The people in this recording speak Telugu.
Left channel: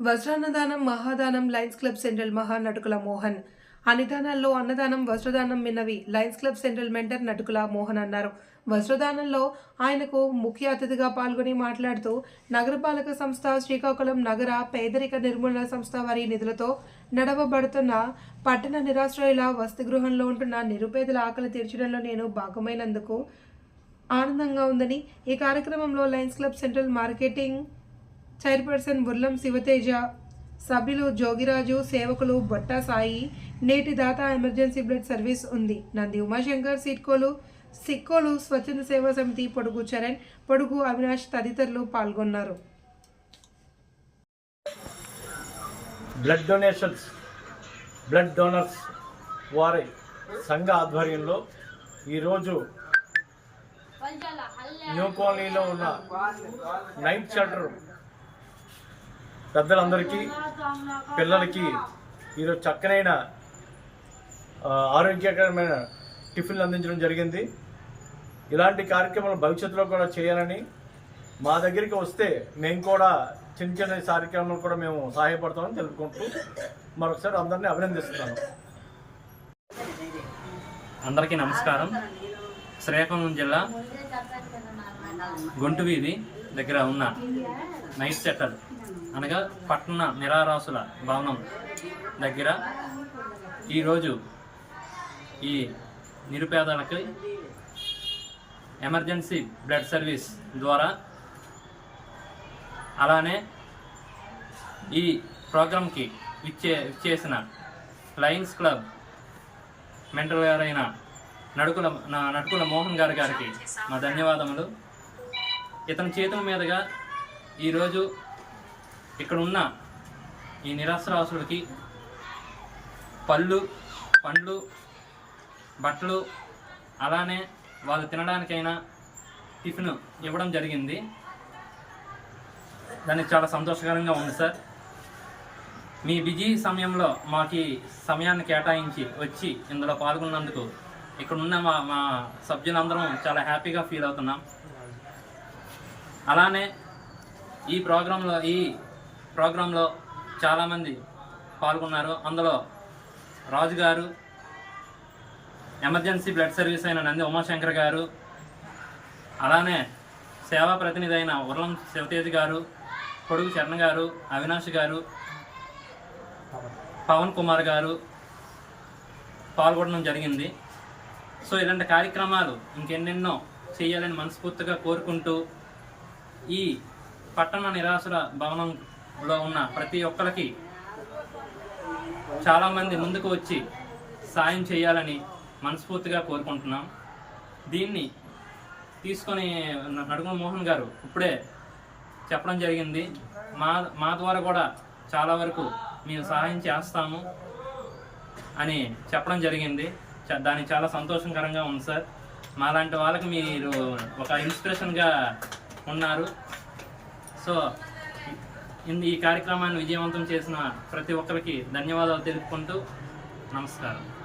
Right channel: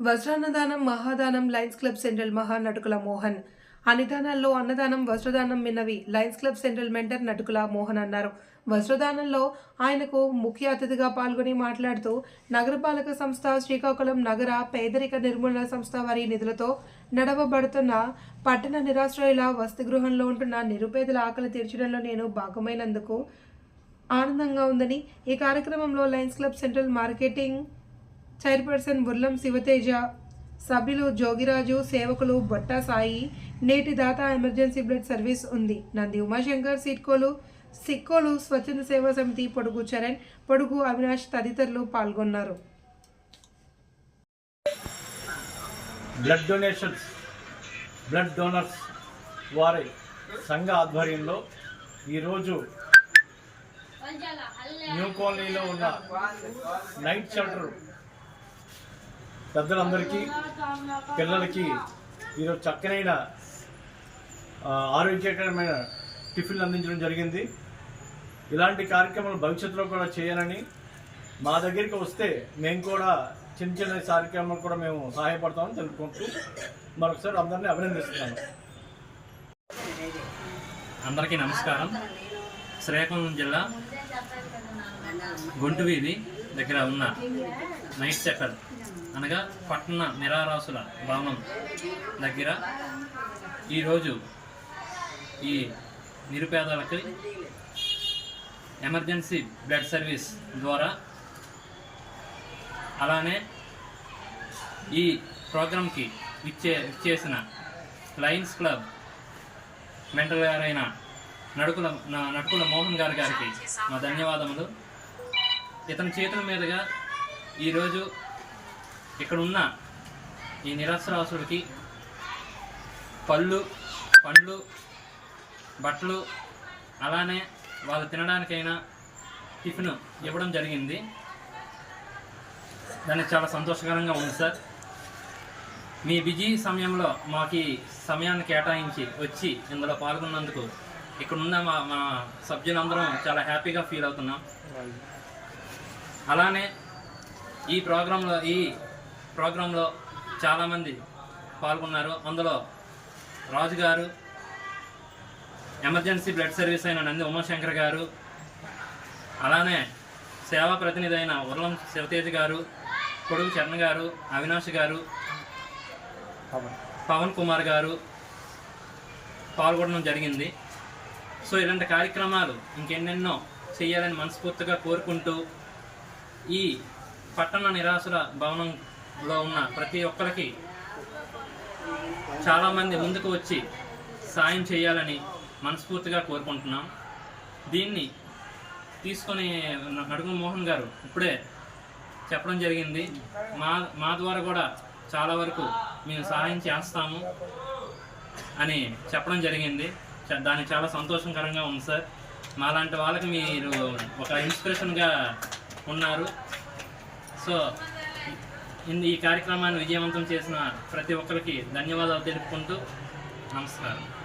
వజ్రాన్నదానం మహాదానం లయన్స్ క్లబ్ సెంట్రల్ మహానటుకుల మోహన్. అనిదానాల్లో అన్నదానం వస్త్రదానం మిన్నవి lions club central mentor Natukula Mohan అన్నారు. వస్త్రదానంలో ఆయనకు ముఖ్య అతిథిగా పాల్గొని మాట్లాడుతూ నగరపాలక సంస్థ శ్రీకాకుళం నగర పేదరిక నిర్మూలన సంస్థ వారి నిధులతో నడవబడుతున్న పట్టణ నిరాశ్రయుల వసతి గృహంలో ఉంటున్న నిరుపేదల ఆకలి తీర్చడంలో నేను భాగమైనందుకు ఆనందంగా ఉందని ఈ కార్యక్రమంలో lions club central marketing chairperson Burlam Shivateja సభ్యులు జోగిరాజు సేవకులు బొట్టా సాయి నేటి దాత ఎమర్జెన్సీ బ్లడ్ సర్వీస్ ఉంది. నంది ఉమాశంకర్ సిట్కోలు సిక్కోలు స్వచ్ఛంద సేవా సమితి పొడుగు చరణ్ పొడుగు అవినాష్ తదితరులు పాల్గొన్నారు. బ్లడ్ డొనేషన్స్ బ్లడ్ డోనర్స్ వారి సంఘ ఆధ్వర్యంలో ఈరోజు న్యూ కాలనీలో ఉన్న నైట్ షెల్టర్ పెద్దలందరికీ పిల్లలకి ఈరోజు చక్కనైన ఆరోగ్యకరమైన టిఫిన్లు అందించడం జరిగింది. ఇలాంటి కార్యక్రమాలు భవిష్యత్తులో కూడా చేయాలని మా దగ్గరికి వస్తే మేము కూడా చిన్న చిన్న కార్యక్రమాలు కూడా మేము సహాయపడతామని తెలుపుకుంటూ మరొకసారి అందరినీ అభినందిస్తున్నాను. అందరికీ నమస్కారం. శ్రీకాకుళం జిల్లా గుంటువీధి దగ్గర ఉన్న నైట్ సెటర్ అనగా పట్టణ నిరారాసుల భవనం దగ్గర ఈరోజు ఈ నిరుపేదలకి ఎమర్జెన్సీ బ్లడ్ సర్వీస్ ద్వారా అలానే ఈ ప్రోగ్రాంకి ఇచ్చే ఇచ్చేసిన లయన్స్ క్లబ్ మెంటల్ గారైన నడుకుల నా- నడుకుల మోహన్ గారి గారికి మా ధన్యవాదములు. ఇతని చేతుల మీదుగా ఈరోజు ఇక్కడ ఉన్న ఈ నిరాశ్రాసులకి పళ్ళు పండ్లు బట్టలు అలానే వాళ్ళు తినడానికైనా టిఫిన్ ఇవ్వడం జరిగింది. దానికి చాలా సంతోషకరంగా ఉంది సార్. మీ బిజీ సమయంలో మాకు సమయాన్ని కేటాయించి వచ్చి ఇందులో పాల్గొన్నందుకు ఇక్కడ ఉన్న మా మా సభ్యులందరం చాలా హ్యాపీగా ఫీల్ అవుతున్నాం. అలానే ఈ ప్రోగ్రాంలో ఈ ప్రోగ్రాంలో చాలామంది పాల్గొన్నారు. అందులో రాజు గారు ఎమర్జెన్సీ బ్లడ్ సర్వీస్ అయిన నంది ఉమాశంకర్ గారు అలానే సేవా ప్రతినిధి అయిన ఉర్లం శివతేజ్ గారు పొడుగు చరణ్ గారు అవినాష్ గారు పవన్ కుమార్ గారు పాల్గొనడం జరిగింది. సో ఇలాంటి కార్యక్రమాలు ఇంకెన్నెన్నో చేయాలని మనస్ఫూర్తిగా కోరుకుంటూ ఈ పట్టణ నిరాశల భవనం లో ఉన్న ప్రతి ఒక్కరికి చాలామంది ముందుకు వచ్చి సాయం చేయాలని మనస్ఫూర్తిగా కోరుకుంటున్నాం. దీన్ని తీసుకొని నడుమ మోహన్ గారు ఇప్పుడే చెప్పడం జరిగింది. మా మా ద్వారా కూడా చాలా వరకు మేము సహాయం చేస్తాము అని చెప్పడం జరిగింది. చ- చాలా సంతోషకరంగా ఉంది సార్. మాలాంటి వాళ్ళకి మీరు ఒక ఇన్స్పిరేషన్గా ఉన్నారు. సో ఈ కార్యక్రమాన్ని విజయవంతం చేసిన ప్రతి ఒక్కరికి ధన్యవాదాలు తెలుపుకుంటూ నమస్కారం.